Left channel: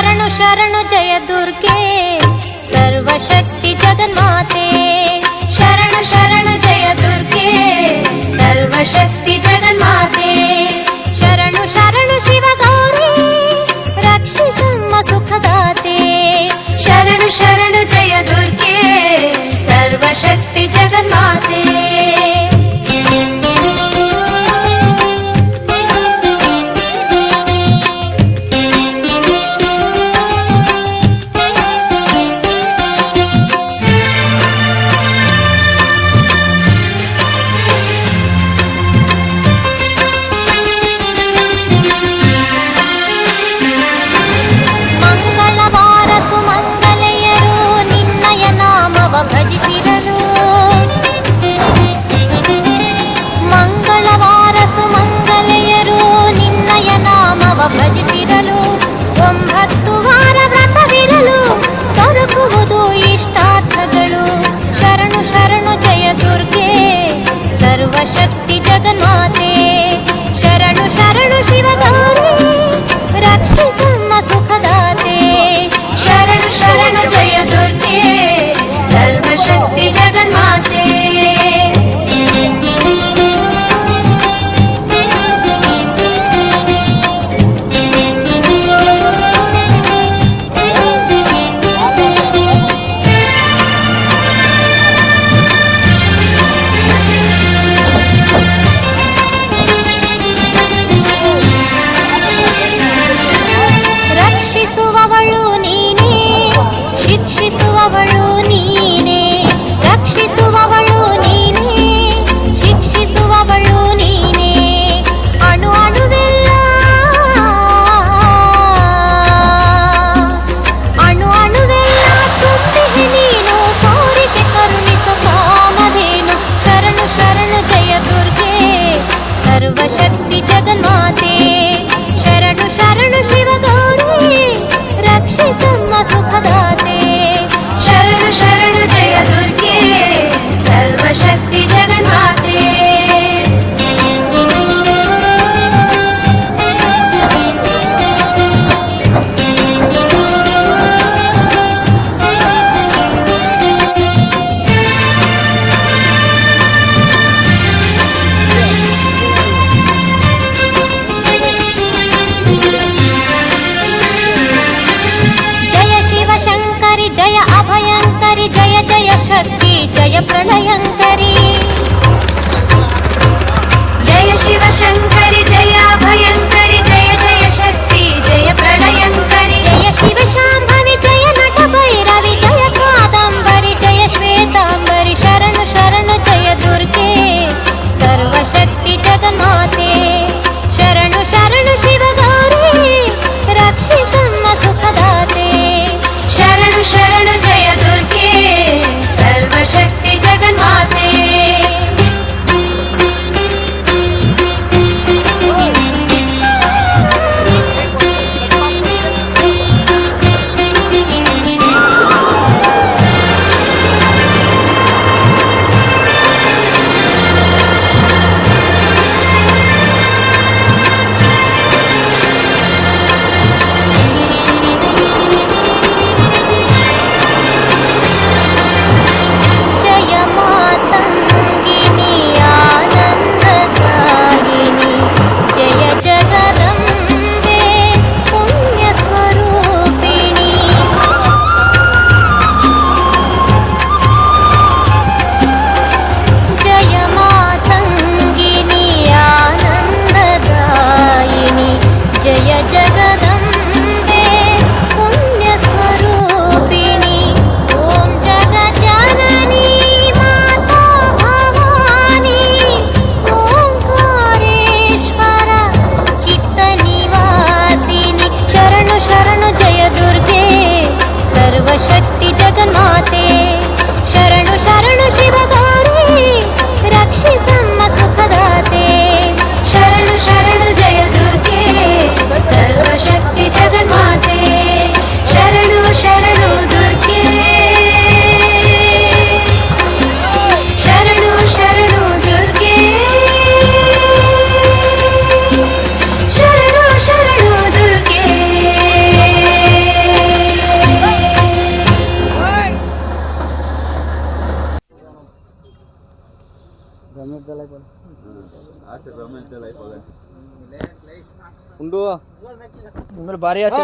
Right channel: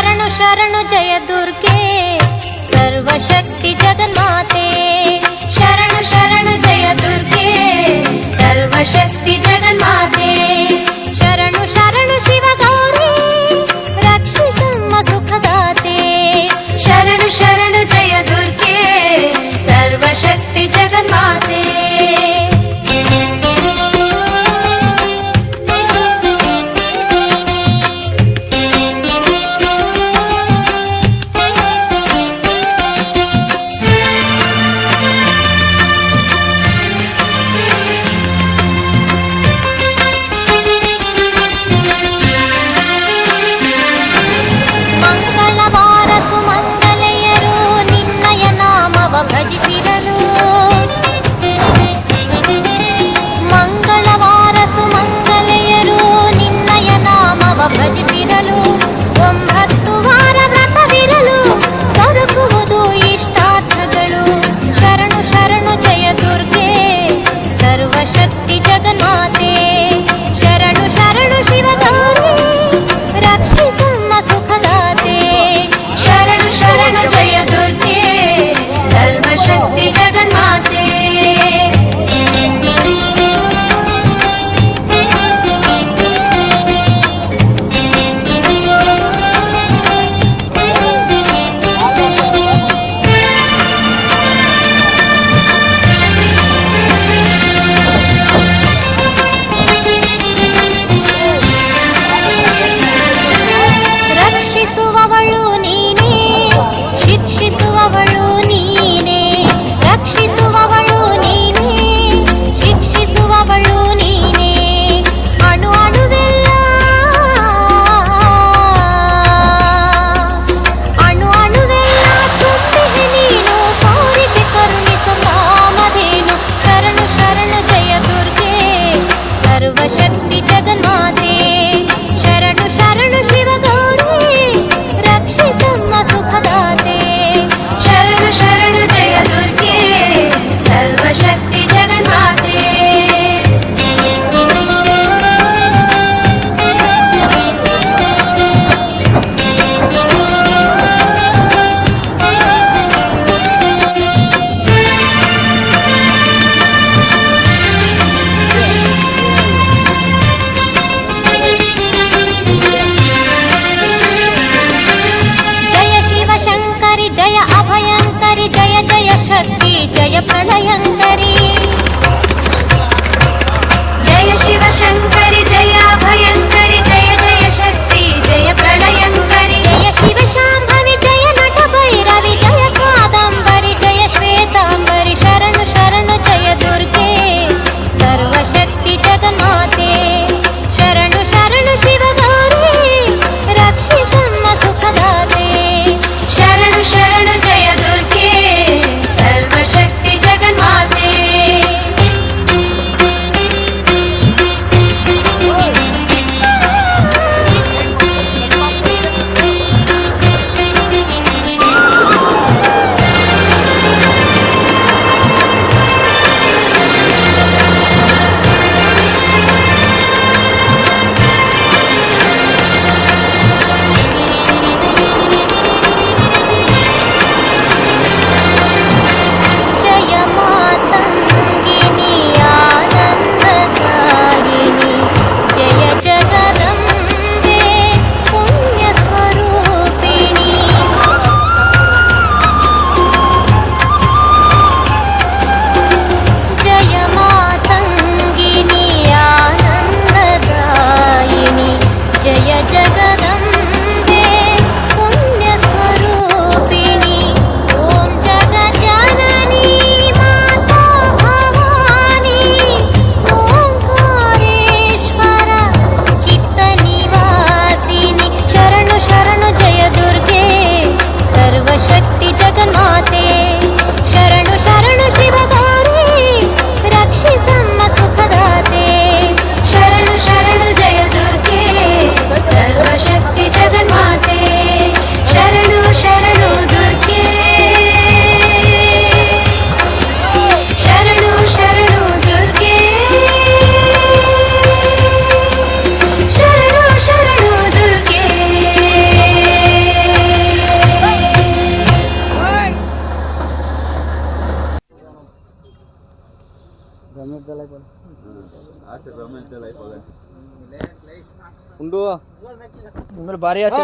ಶರಣು ಶರಣು ಜಯ ದುರ್ಗೆ ಸರ್ವಶಕ್ತಿ ಜಗನ್ಮಾತೆ. ಶರಣು ಶರಣು ಜಯ ದುರ್ಗೆ ಸರ್ವಶಕ್ತಿ ಜಗನ್ಮಾತೆ. ಶರಣು ಶರಣು ಶಿವಗೌರಿ ರಕ್ಷಿಸಮ್ಮ ಸುಖದಾತೆ. ಶರಣು ಶರಣು ಜಯ ದುರ್ಗೆ ಸರ್ವಶಕ್ತಿ ಜಗನ್ಮಾತೆ. ಮಂಗಳವಾರ ಸುಮಂಗಲೆಯರು ನಿನ್ನಯ ನಾಮವ ಭಜಿಸಿರಲು. ಮಂಗಳವಾರ ಸುಮಂಗಲೆಯರು ನಿನ್ನಯ ನಾಮವ ಭಜಿಸಿರಲು. 9 ವಾರ ವ್ರತವಿರಲು ದೊರಕುವುದು ಇಷ್ಟಾರ್ಥಗಳು. ಶರಣು ಶರಣು ಜಯ ದುರ್ಗೆ ಸರ್ವಶಕ್ತಿ ಜಗನ್ಮಾತೆ. ಶರಣು ಶರಣು ಶಿವಗೌರಿ ರಕ್ಷಿಸಮ್ಮ ಸುಖದಾತೆ. ಶರಣು ಶರಣು ಜಯ ದುರ್ಗೆ ಸರ್ವಶಕ್ತಿ ಜಗನ್ಮಾತೆ. ರಕ್ಷಿಸುವವಳು ನೀನೇ, ಶಿಕ್ಷಿಸುವವಳು ನೀನೇ. ರಕ್ಷಿಸುವವಳು ನೀನೇ, ಶಿಕ್ಷಿಸುವವಳು ನೀನೇ. ಅಣು ಅಣುವೆಲ್ಲ ಅಣು ಅಣುವೆಲ್ಲ ತುಂಬಿದೆ ನೀನು, ತೋರಿಕೆ ಕರುಣಿಸು ಕಾಮಧೇನು. ಶರಣು ಶರಣು ಜಯ ದುರ್ಗೆ ಸರ್ವಶಕ್ತಿ ಜಗನ್ಮಾತೆ. ಶರಣು ಶರಣು ಶಿವಗೌರಿ ರಕ್ಷಿಸಮ್ಮ ಸುಖದಾತೆ. ಶರಣು ಶರಣು ಜಯ ದುರ್ಗೆ ಸರ್ವಶಕ್ತಿ ಜಗನ್ಮಾತೆ. ಶಿವಶಂಕರಿ ಜಯ ಅಭಯಂಕರಿ ಜಯ ಜಯ ಶಕ್ತಿ ಜಯ ಪ್ರಳಯಂಕರಿ. ಜಯ ಶಿವಶಂಕರಿ ಜಯ ಅಭಯಂಕರಿ ಜಯ ಜಯ ಶಕ್ತಿ ಜಯ ಪ್ರಳಯಂಕರಿ. ಜಯ ಶಿವಶಾಂಭವಿ ಜಯ ನಟ ಭೈರವಿ ಜಯ ಕಾದಂಬರಿ ಜಯ ಶ್ವೇತಾಂಬರಿ. ಶರಣು ಶರಣು ಜಯ ದುರ್ಗೆ ಸರ್ವಶಕ್ತಿ ಜಗನ್ಮಾತೆ. ಶರಣು ಶರಣು ಶಿವಗೌರಿ ರಕ್ಷಿಸಮ್ಮ ಸುಖದಾತೆ. ಶರಣು ಶರಣು ಜಯ ದುರ್ಗೆ ಸರ್ವಶಕ್ತಿ ಜಗನ್ಮಾತೆ. ಜಯ ಜಗದಂಬೆ ಪುಣ್ಯ ಸ್ವರೂಪಿಣಿ. ಓಂ ಜಗಜ್ಜನನಿ ಮಾತಾ ಭವಾನಿ. ಓಂಕಾರೇಶ್ವರ ಚಿತ್ತ ನಿವಾಸಿನಿ. ಶರಣು ಶರಣು ಜಯ ದುರ್ಗೆ ಸರ್ವಶಕ್ತಿ ಜಗನ್ಮಾತೆ. ಶರಣು ಶರಣು ಶಿವಗೌರಿ ರಕ್ಷಿಸಮ್ಮ ಸುಖದಾತೆ. ಶರಣು ಶರಣು ಜಯ ದುರ್ಗೆ ಸರ್ವಶಕ್ತಿ ಜಗನ್ಮಾತೆ. ಶರಣು ಶರಣು ದುರ್ಗೆ ಶರಣು ಶರಣು ದುರ್ಗೆ ಶರಣು ಶರಣು ದುರ್ಗೆ. ಉಂಡು ಭಾರಿ ಆಸೆ